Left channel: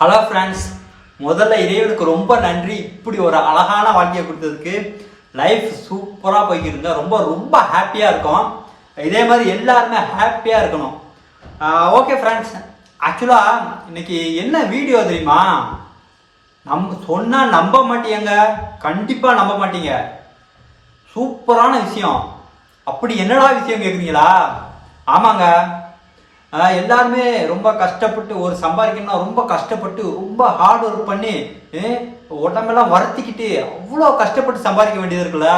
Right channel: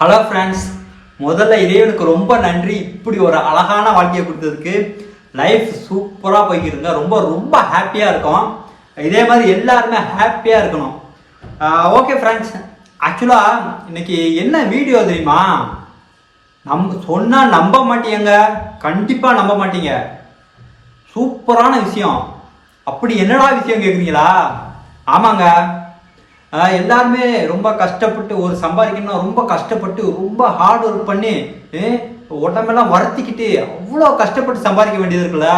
Hello friends முதல்ல இறைவனுக்கு ரொம்ப நன்றி. இப்படி ஒரு அழகான வாழ்க்கையை கொடுத்ததுக்கு லைஃப் சூப்பராக போய்க்கிருங்க ரொம்ப ரொம்ப ஹாப்பியாக இருக்கும். இதே மாதிரி எல்லாருமே ஹாப்பியாக இருக்கணும். ஓகே ஃப்ரெண்ட்ஸ் ஆக்சுவலாக இன்னைக்கு என்ன வீடியோ தெரியுமா? நம் சொன்னால் நம்ப மாட்டீங்க கண்டிப்பாக நம்ப மாட்டீங்க. சூப்பரான விஷயம். அப்படி என்னடா விஷயம் கேட்குறீங்களா ஆமாங்க. எல்லாருமே ரொம்ப கஷ்டப்பட்டு ஒரு சம்பாதிக்கணும்னா ரொம்ப கஷ்டப்பட்டு ரொம்ப ஹார்ட் ஒர்க் பண்ணி உடம்பெல்லாம் வருத்திக்கிட்டு அவ்வளோ கஷ்டப்பட்டு சம்பாதிக்க வேண்டியது இருக்குல்ல?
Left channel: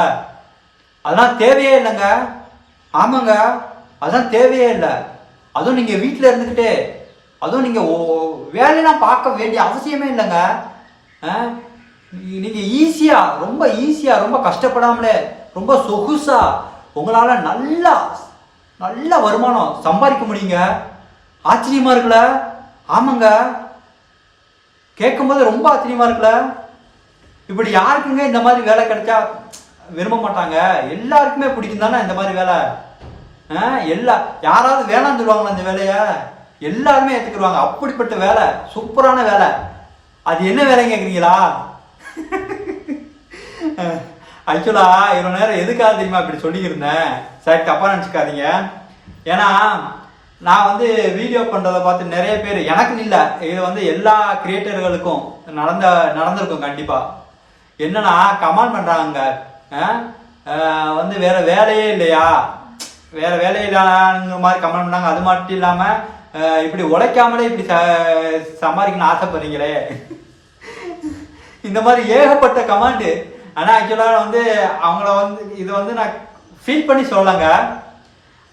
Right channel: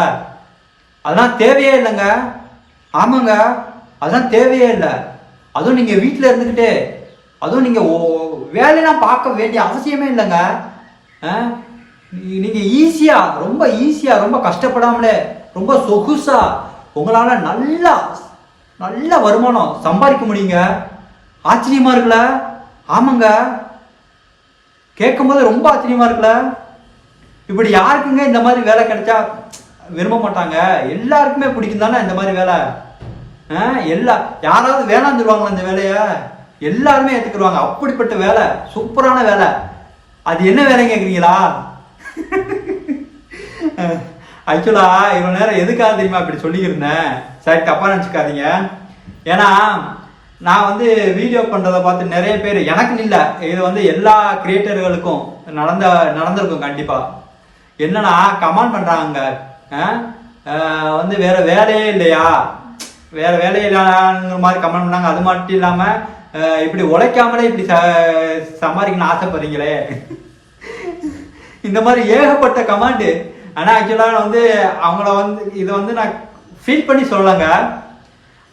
அதெல்லாம் தேவையே இல்லைங்க. ஆமாங்க. அதெல்லாம் தேவையே இல்லை. அதுவும் நீங்கள் வீட்டில் இருந்துக்கிட்டே அதுவும் நீங்கள் வேலையெல்லாம் பார்க்க வேண்டிய அவசியமே இல்லைங்க. நீங்கள் ஈஸியாக ரொம்ப ஈஸியாக ரொம்ப கஷ்டப்படாமலே ரொம்ப சொகுசாக உங்களால் நல்லா நல்ல வருமானம். சம்பாதிக்க முடியுங்க. ஆச்சரியமா இருக்குல்ல? ஆமாங்க. கேட்கும்போது ரொம்ப ஆச்சரியமா இருக்குல்ல? இப்படி யாருக்குங்க இந்த மாதிரி வேலை கிடைச்சா விரும்ப மாட்டாங்க? எல்லாருக்குமே பிடிக்கும் தானே இந்த மாதிரி வேலை? ஆ, எல்லா யாராவது வேணாம்னு சொல்லுவாங்களா இந்த வேலையை? எல்லாருமே ஏற்றுக்குருவாங்க அப்படிப்பட்ட வேலை. சூப்பரான வேலை. அது என்ன வேலை கேட்குறீங்களா ஆக்சுவலா இவ்வளோ நேரம் எதுக்காக தெரியுமா இப்படி சொல்லியிருந்தேன் சரி தப்பா நினச்சிக்காதீங்க. ஏன்னா நான் வந்து வீடியோ பண்ணுறதை பார்த்து நிறைய பேர் எனக்கு இல்லை இது வந்து எல்லா கிரியேட்டர்களுக்கும் நடந்த நடந்திருக்கும் கண்டிப்பாக என்னன்னா கமெண்ட் பண்ணுறாங்க வந்து வேற வேலையே இல்லையா? வேற வேலையே இல்லாங்கிற மாதிரி கமெண்ட் பண்ணாங்க. அது மட்டும் இல்லாமல் இப்படி உழைக்காமலே இப்படி ச சம்பாதிக்கணும்னு ஆசைப்படுறீங்களே. இந்த மாதிரி ஏகப்பட்ட கமாண்டு ஆனால் ஆக்சுவலாக நான் வந்து அவங்கள வந்து இதை வந்து நான் ஃபீல் பண்ணி சொல்லலைங்க.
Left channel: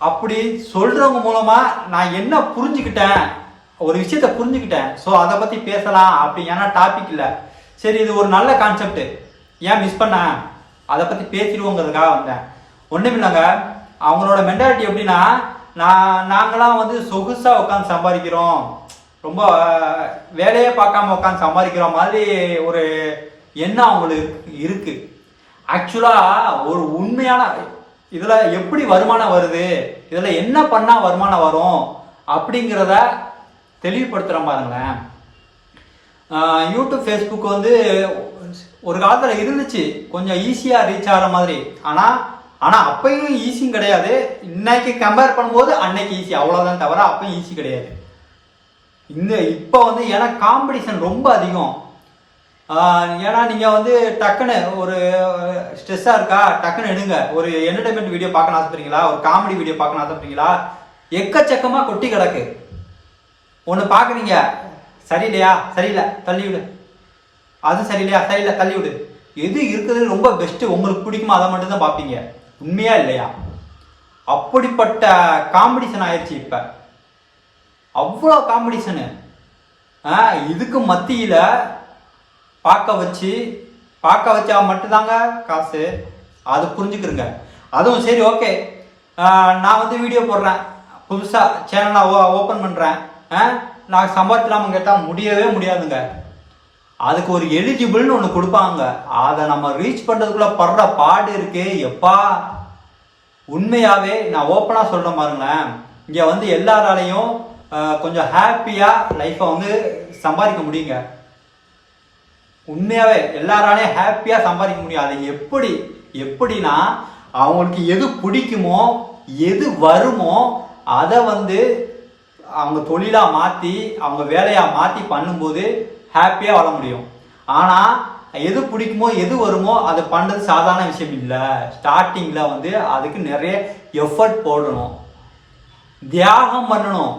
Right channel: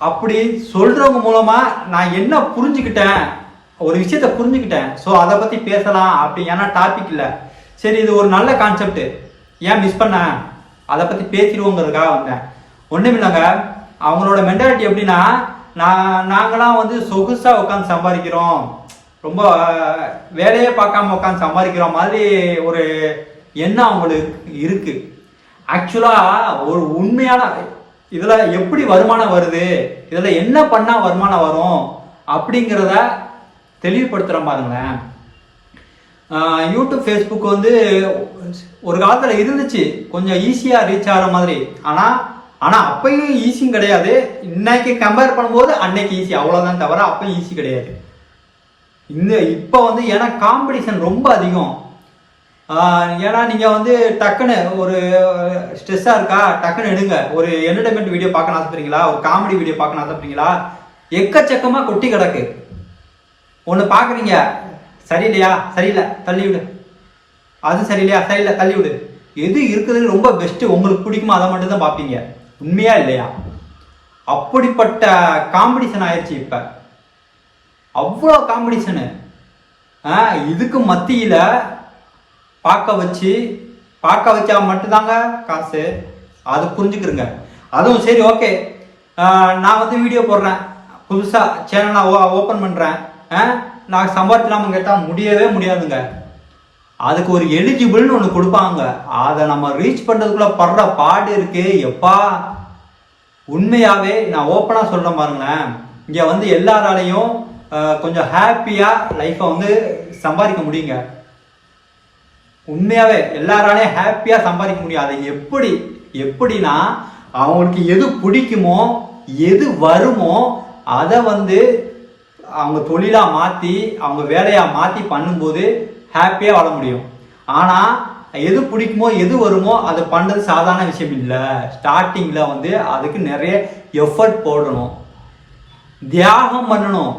அப்படி சொல்கிறவங்க மூலமாக நான் என்ன புரிஞ்சுக்கிட்டேன்? ஒரு விஷயத்த புரிஞ்சுக்கிட்டேன். ஸோ அதை பற்றி பேசலாம் அப்படி ஏன்னா டாபிக் இல்லை. சரி இது ஒரு நல்ல கான்செப்ட் ஏன் மிஸ் பண்ணேன் அதை பற்றி பேசிடுவோங்கிறதுக்காக வந்தேன். ஒன்றும் இல்லைங்க அவங்களோட மென்டாலிட்டி எப்படின்னா நான் நாங்களாம் வந்து சொகுசாக உட்காந்து சம்பாதிக்கிறோம். ரொம்ப வேலையே பார்க்காம உட்காந்து சம்பாதிக்கிற மாதிரி ஒரு என்ன அவங்களுக்கு இருக்கு? ஆக்சுவலாக ஒரு உண்மையான இதில் எப்படி வருமானம் வருது? இதில் என்ன பண்ணால் வருமானம் வரும்? அப்படிங்கிறத தெளிவுபடுத்துறேன் பாருங்களேன். யூடியூப் ஃபேஸ்புக் வந்து ஒரு காலத்தில் இருந்துச்சு. கொஞ்சம் ஈஸியாக ரீச் ஆகிற மாதிரி. ஆனால் ஆனால் அப்பயும் ஈஸியும் கிடையாது. இன்னைக்கு கம்பேர் பண்ணும்போது அன்னைக்கு ஈஸி அவ்வளோதான் தவிர அப்பயும் ஈஸி கிடையாது. இந்த இப்போ வந்து ஏன்னா காம்படிஷன் ரொம்ப அதிகம். ஏன்னா நீங்கள் வந்து டக்குன்னு ஒரு ஸ்ட்ரெஸ்ஸாக இருக்கா? டக்குன்னு எடுங்க. ஒரு என்டர்டைன்மெண்ட் வீடியோ பார்க்கணும் ஆசைப்படுறீங்களா ஒரு காமெடி வீடியோ பார்க்கணும் ஆசைப்படுறீங்களா எக்கச்சக்கமாக கொட்டி கிடக்கு. ஒன்று பார்க்குறீங்க. சரியில்லையா? சரியில்லை. தள்ளி விடு. அது சரியில்லையா? சரியில்லை. தள்ளி விடு. எது இருக்குதுன்னு ரொம்ப பெஸ்ட்டு உங்களுக்கு பிடிக்குமோ அதை மட்டும்தான் பார்ப்பீங்க. உண்மையா இல்லையா? அப்படிப்பட்ட காம்படிஷன் ஆயிடுச்சு இப்போ. அவ்வளோ காம்படிஷனு இதுக்கு மத்தியில் பார்க்க வச்சு பார்க்க வச்சா மட்டும்தாங்க காசு. அது புரிஞ்சுக்கிறங்க அதுவும் சரி ஓகே. நான் வந்து வீடியோ போடுறேன். புதுசாக சேனல் நான் ஓப்பன் பண்ணுறேன் நான் சம்பாதிக்கலாமா கேட்டால் முடியவே முடியாதுங்க. அதுக்கு ஒரு எலிஜிபிள்னு ஒன்று கொடுப்பாங்க. அதை நம்ம ரீச் பண்ணுறதுக்குள்ளே படுற பாடு இருக்கு எப்பா. உண்மையாகவே நான் ஓப்பனாக சொல்கிறேன் பாருங்களேன். இங்கே வந்து எல்லாராலையும் கொஞ்சம் ஹாப்பியாக லைஃப்பை வந்து சம்பாதிக்க முடியுங்க. உண்மையாவே எல்லாராலையும் ஹாப்பியாக சம்பாதிக்க முடியும் அதை எப்படி? எப்படின்னா அவங்களுக்கு எது பிடிக்குமோ எது வருமோ அதை வந்து அவங்க தொழிலாக மாற்றி அவங்க வேலையாக மாற்றி பண்ணும்போது ஹாப்பியாக வாழ முடியும். ஆனால் எது பிடிக்குமோ எது வருமோ அது பண்ணுறது சாதாரண விஷயம் இல்லை. ஸ்டார்டிங்கில் வந்து அதுக்கு நிறைய எஃபர்ட் போடணும். தியாகம் பண்ணணும்.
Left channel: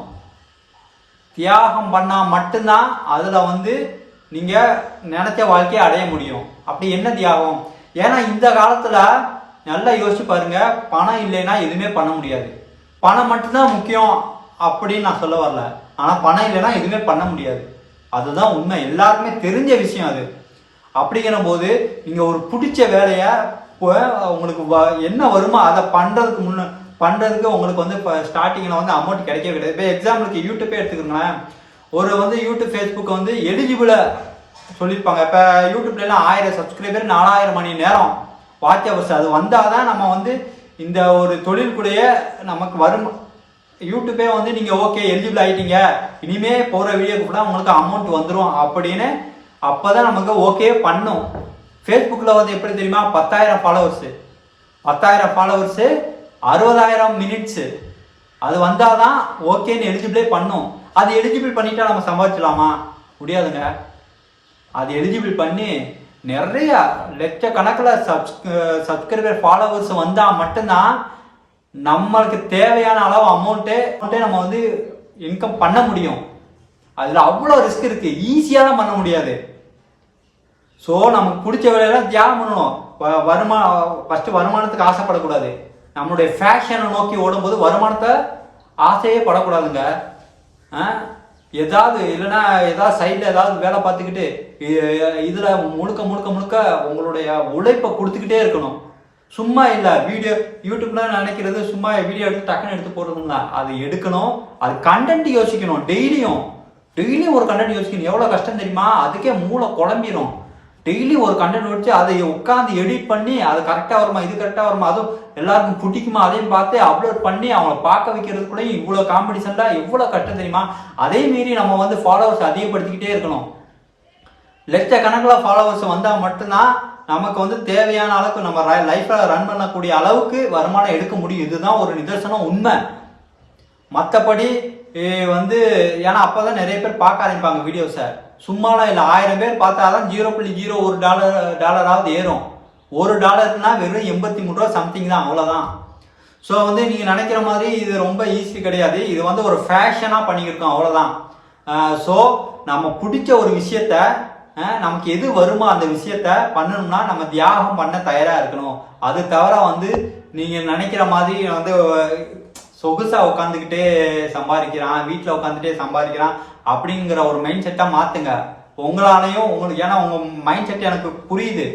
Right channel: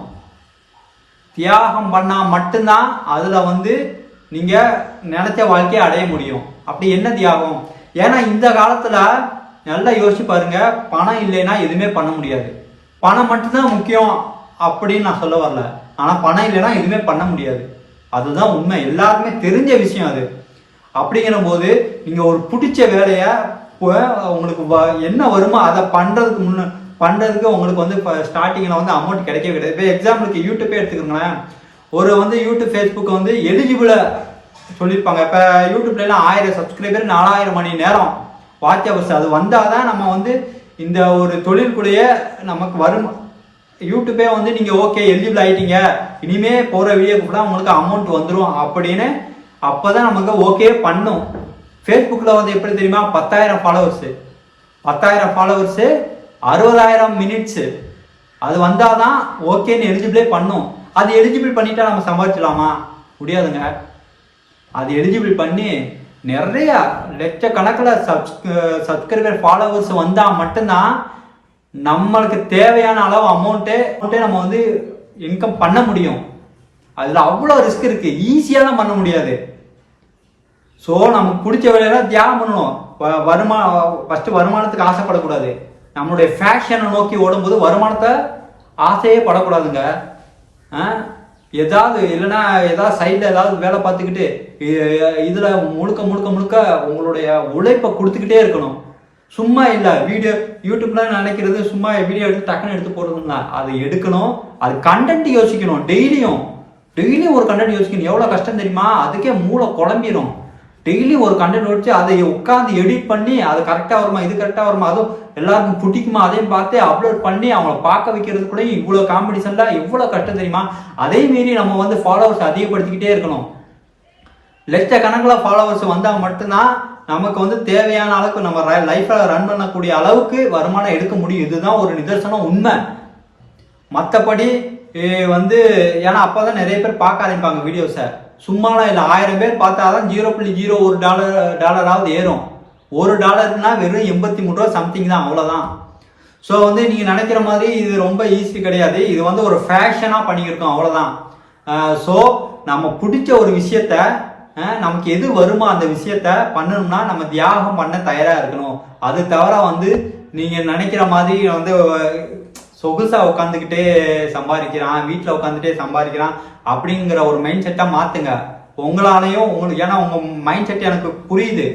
தியாகம் பண்ணால் மட்டும்தான் அதில் வந்து நீங்கள் நினச்ச வாழ்க்கையை அடைய முடியும். அப்படி என்ன தியாகம்? ஏன்னா இந்த காலத்தில் நல்லா யோசிச்சு பாருங்க பணம் இல்லைன்னா எதுவுமே பண்ண முடியாது. பணம் மட்டும்தான் முக்கியம் அப்படின்னு நான் சொல்ல வரல. ஆனால் பணம் இல்லைன்னா எதுவுமே பண்ண முடியாது. அதுதான் உண்மை. எல்லாருக்குமே தெரிஞ்ச விஷயம் அது. அப்படிங்கிற போது நீங்கள் ஒரு பிடிச்ச வேலையை உங்களுக்கு வ- என்ன வருமோ அதை பண்ணுறதுக்கு முன்ன பண்ணுறதுக்கு உங்களுக்கு வந்து இப்போ ஸ்டார்டிங்கில் வந்து அமௌண்ட் கிடைக்கவே கிடையாது. இப்போ எக்ஸாம்பிளுக்கு யூடியூப்பே எடுத்துக்கோங்களேன். ஒரு வந்து யூடியூப் ஃபேஸ்புக் வந்து எலிஜிபிளை சொல்லியிருப்பாங்க. இப்போ யூடியூப்லாம் ஆயிரம் சப்ஸ்கிரைபர் நாலாயிரம் மணி நேரம். வாட்ச் ஹவர்ஸ் அது வந்தால் தான் நம்ம வந்து இந்த ஒரு தொழிலுக்குள்ளேயே நமக்கு வரும். யூடியூபே வந்து நீங்கள் ஓகே எலிஜிபிள் ஆகிட்டீங்க இனிமே போகிற வீடியோ கூட உங்களுக்கு அமௌண்ட் வந்துடும் அப்படின்னு அப்போ தான் நமக்கு ஓகே பண்ணும். ஃபேஸ்புக்கில் வந்து எப்படி தெரியுமா? பத்தாயிரம் ஃபாலோவர்ஸு பத்தாயிரம் ஃபாலோவர்ஸு அறுபதாயிரம் மினிட்ஸு அது வந்தால் தான் ஓகேன்னு எலிஜிபிளே பண்ணும். அது எலிஜிபிள் பண்ணிட்டா நம்ம சம்பாதிச்சலாமா முடியாதுங்க. அது எலிஜிபிள் பண்ணி நிறைய லட்சக்கணக்கில் சப்ஸ் சப்ஸ்கிரைபர் ஃபாலோவர்ஸ் வந்தால் மட்டும்தான் நம்மளுக்கு தேவையான அளவு அமௌண்ட்டு அமௌண்ட்டே நம்ம வந்து இன்கம் பண்ண முடியும். அதில் அவ்வளோ ரிஸ்க் இருக்குது ஈஸியாக பண்ண முடியாது. ஸோ நமக்கு பிடிச்ச வேலையெல்லாம் தியாகம் பண்ணணும். வ- வருமா ஃபஸ்ட்டு வருமானத்துக்கு ஆசைப்படக்கூடாது. நம்மளுடைய ஃபேஷனை நோக்கி ஓடும்போது வருமானத்தை ஆசையே படக்கூடாதுங்க. ஏதாவது இல்லைன்னா ஏதாவது சைடில் ஏதாவது வேலை பார்த்துக்கிட்டு இதில் முழுக்க முழுக்க முழுக்க உங்களுடைய உழைப்பை கொடுத்துக்கிட்டே இருக்கணும். சும்மா இல்லை வீடியோ யூடியூப்லாம் நினைக்கிறது சும்மா வீடியோ எடுத்து டக்குன்னு எடுத்து போடுறதுங்களா? அதை எடுக்கணும். அது கண்டென்ட் யோசிக்கணும் டெய்லியும் டெய்லியும் ஒரு கண்டென்ட் யோசிக்கணும். எவ்வளோ கஷ்டம் தெரியுமா? அதுக்கே மூளை குழம்பிடும் டெய்லி ஒரு கண்டென்ட் வச்சு அதை உட்காந்து எடிட் பண்ணி அது கரெக்டாக வருமா இது கரெக்டாக வருமா அதுவும் எல்லாருக்கும் பிடிக்குமா அதையும் பார்த்து அப்லோட் பண்ணி அவங்கள பார்க்க வைக்கிறதுக்குள்ளேயும் இவ்வளோ காம்படிஷனில் எவ்வளோ கஷ்டம் தெரியுமா? அதே மீறி நம்ம வந்து ஃபாலோவர்ஸ் அதிகப்படுத்திக்கிட்டே இருக்கணும். லட்சக்கணக்கில் ஃபாலோவர்ஸ் வந்தால் மட்டும்தான் நமக்கு வந்து தேவையான அளவுக்கு நம்ம லைஃப்பில் ரன் பண்ணக்கூடிய அளவுக்கு வருமானம் எடுக்க முடியும். இதுதான் ஒரு நிதர்சனம் உண்மை. மற்றபடி வந்து ஏன்னா அப்போ தான் நிறைய பேர் பார்க்க ஆரம்பிப்பாங்க வீடியோஸை சும்மாலாம் இல்லை. ஆயிரம் பேர் பார்த்தா தான் ஜீரோ புள்ளி ஜீரோ ஒரு டாலர் டாலராவது ஏறும். ஒரு டாலர்னா வெறும் எண்பத்தி மூணு ரூபா சம்திங் தான் அவ்வளோதான் ஸோ வந்து நீங்கள் நினைக்கிற மாதிரி இது ரொம்ப ஈஸி கிடையாது. இது வந்து ஒரு ஃபேஷனாக பண்ணியிருக்கோம் அவ்வளோதான் ஸோ நம்ம பிடிச்ச ஒரு விஷயத்த நமக்கு எது வருமோ அந்த விஷயத்த பண்ணணும்னா நம்ம தியாகம் பண்ண தயாராக இருக்கணும். அது தவிர வந்து நீங்கள் நினைக்கிற மாதிரி வந்து சொகுசா உட்காந்துக்கிட்டே சம்பாதிக்கிறான் வீட்டில் உட்காந்துட்டே சம்பாதிக்கிறான் அப்படிங்கிற ஒரு மைண்ட் செட்டாக மாற்றுங்க உங்களாலையும் உங்களுக்கு ஏன்னா உங்கள் மைண்ட் செட் எனக்கு புரியுது.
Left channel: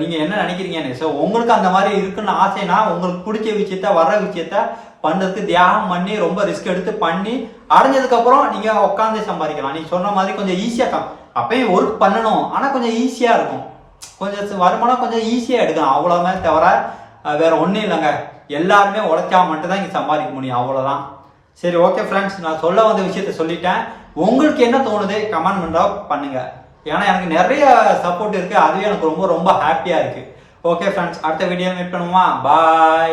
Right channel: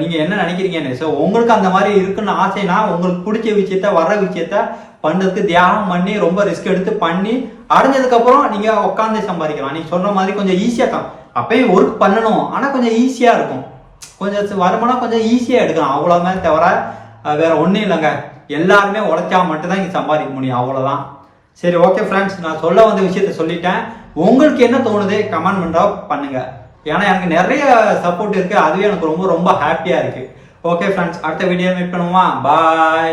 நீங்கள் என்ன நினைக்கிறீங்கன்னு. ஸோ உங்களுக்கு அந்த மாதிரி இருக்குன்னு ஆசைனா உங்களுக்கு பிடிச்ச விஷயத்த வர்ற விஷயத்த பண்ணுறதுக்கு தியாகம் பண்ணி ரொம்ப ரிஸ்க் எடுத்து பண்ணி அடைஞ்சதுக்கப்புறம் நீங்கள் உட்காந்து சம்பாதிக்கலாம். நீங்கள் சொன்ன மாதிரி கொஞ்சம் ஈஸியாக தான். அப்பயும் ஒர்க் பண்ணணும். ஆனால் கொஞ்சம் ஈஸியாக இருக்கும். கொஞ்சம் வருமானம் கொஞ்சம் ஈஸியாக எடுக்கலாம். மேலே தவிர வேற ஒன்றும் இல்லைங்க. எல்லாருமே உழைச்சா மட்டும்தான் இங்கே சம்பாதிக்க முடியும் அவ்வளோதான் சரி ஓகே ஃப்ரெண்ட்ஸ் நான் சொல்ல வந்த விஷயத்த சொல்லிட்டேன். உங்களுக்கு என்ன தோணுது? கமெண்ட் பண்ணுறா பண்ணுங்க. ஏன்னா எனக்கு நிறைய சப்போர்ட் இருக்கு. அதுவே எனக்கு ரொம்ப ரொம்ப ஹாப்பியாக இருக்கு. ஓகே ஃப்ரெண்ட்ஸ் அடுத்த வீடியோ மீட் பண்ணுவோமா? பாய்